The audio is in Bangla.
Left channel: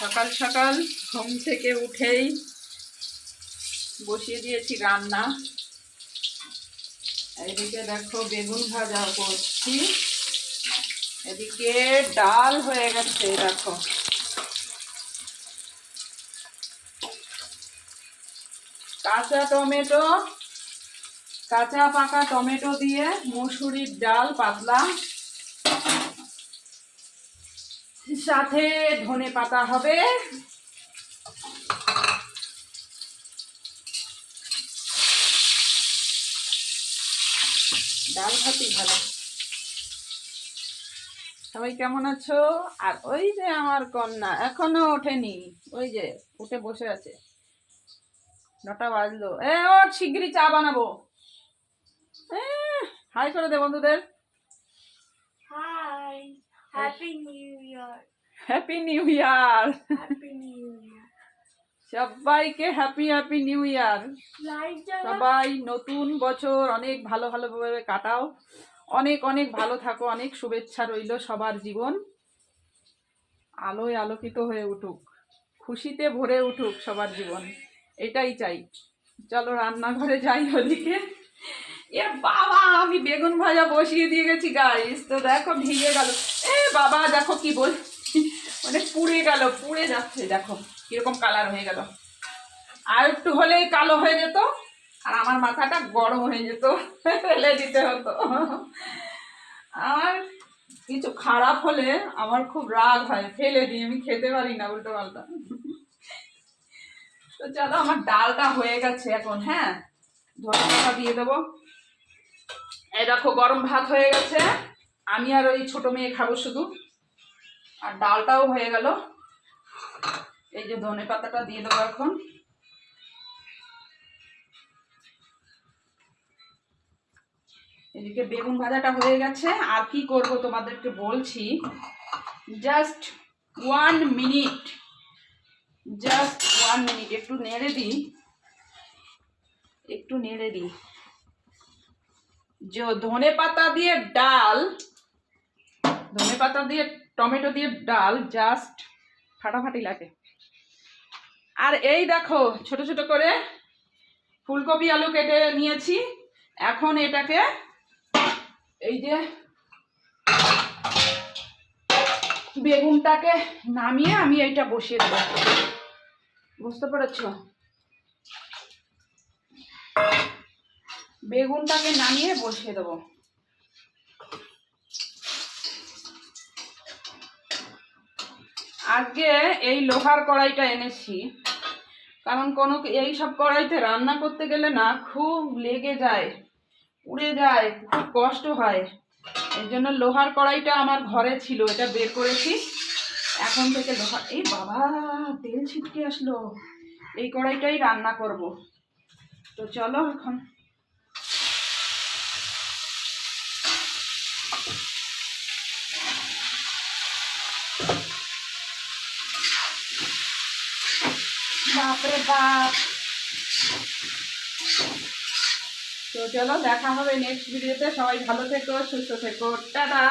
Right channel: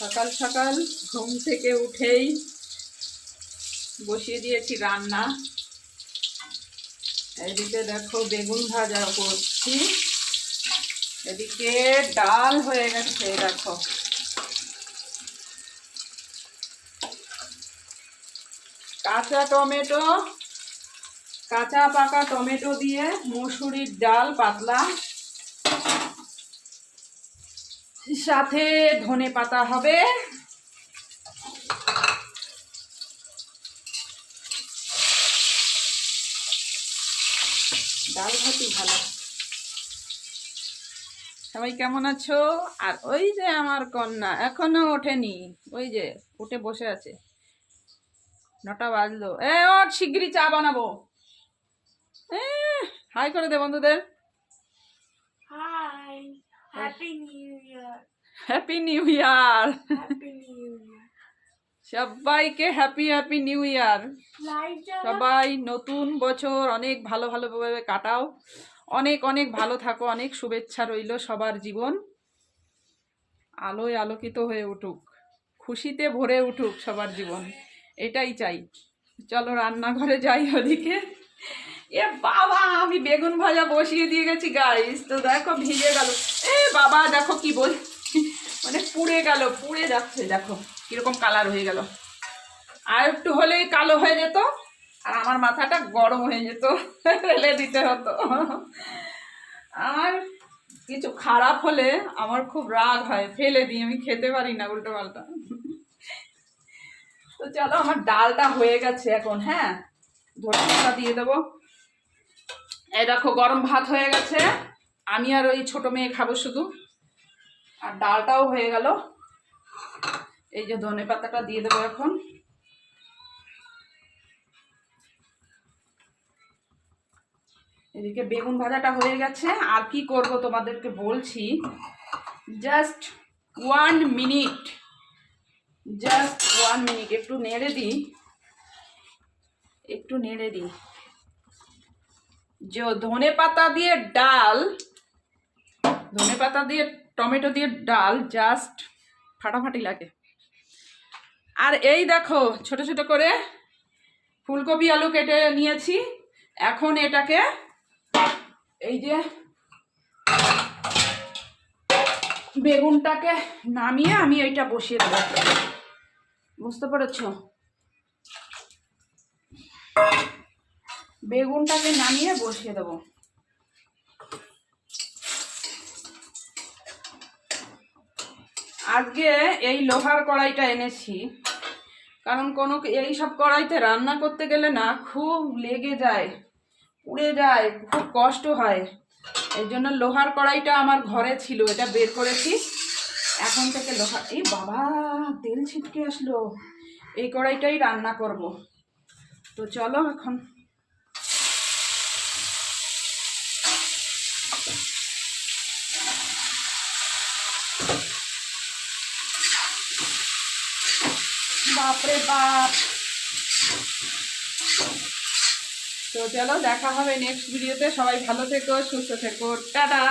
সকাল সকাল ঘুম থেকে উঠেই বসিয়ে দিয়েছি রান্না। এদিকে দেখো বেগুন ভাজা করছি। এদিকে ডাল হয়ে গেছে, দেখো। কাঁচা টমেটো, কাঁচা পাকা টমেটো দিয়ে মসুরির ডাল পাতলা সাথে ধনে পাতা হবে। ডাল ভাতি ভালো। সবাই কেমন আছো? আর ওই যে আমার কন্যা, এখনও ওঠেনি। ওই যে উঠে বসে আছে। নটা বাজলো। এ ওর শিগগিরই চা বানাবো। হাই করে দে বন্ধুদের। Hi. হ্যাপি নিউ ইয়ার সবাইকে হ্যাপি হ্যাপি নিউ ইয়ার সবাই নতুন বছর অনেক ভালো ভালোভাবে কাটাও। অনেক অনেক ভালো থাকো অনেক শুভেচ্ছা রইল সবার জীবন। আলোয় আলোকিত হয়ে উঠুক খুশিতে ভরে উঠুক সবার জীবন। এটাই চাই। চলো রান্নাঘরে যাই ওদিকে। এ বাবা আমি বেগুন ভাজা বসিয়ে দিয়ে গেছি গাইস তো দেখো ভিজে গেল। এ বাবা দেখো কি বল মানে পুড়ে গেল, পুড়ে যাচ্ছে, দেখো কীরকম কালার হয়ে গেল। আর একটু হলেই কালো হয়ে যেত, আর আমার মাথাটা গরম হয়ে যেত ফেলে দিতে হতো। আর কিছু খারাপ হলে আমার খুব রাগ হয়, ফেলে দিই, আমি খেতে পারি না উল্টো পাল্টা। তো চলো, আমার ডালটা হয়ে গেছে এখন হ্যাঁ? ধরে দিয়ে দেবো। এই দেখো, গরম ভাত হয়ে গেছে। আমি আর ওই ছোট মেয়ে খাব শুধু। আর ডালটাও হয়ে গেল। এই যে ধনে পাতাটা দিয়ে দেবো এখন। এদিকে বেগুন ভাজাটা হয়ে গেছে। আর কি করব তোমাদেরকে বলছি just one minute just one minute একটু নেড়ে দিই, একটু নেড়ে দিই। যে ধনে পাতা দিয়ে ডাল ধনে পাতা দিয়ে, টমেটো দিয়ে ডাল জাস্ট ফাটাফাটি লাগে। আর এই দেখো, ছোট ছোট করে ফুলকপি আলু কেটে নিয়েছি। এখন এটাকে এই যে বেগুনটাকে নামিয়ে আমি এইটা বসিয়ে দেবো। বুঝতে পেরেছ? বেগুনটাকে নামিয়ে বসিয়ে দেবো। আজকে এই লোহার কড়াইটা এনেছি। কারণ কোনো এই সব কড়াইতে রান্না করতে গেলে না খুব লেগে যায় উড়ে যায়, খুব কষ্ট হয়। এই জন্য লোহার কড়াইটা আমার ঘরে ছিল, এটা বের করেছি। এখন থেকে লোহার এই বাবা, তেল ছিটকে আসলো। এই কড়াইটাই রান্না করব। তো চলো এখন। বাপরে বাপ। তো চলো দেখা হবে নেক্সট ভিডিওতে সবাই ভালো থেকো সুস্থ থেকো। টাটা।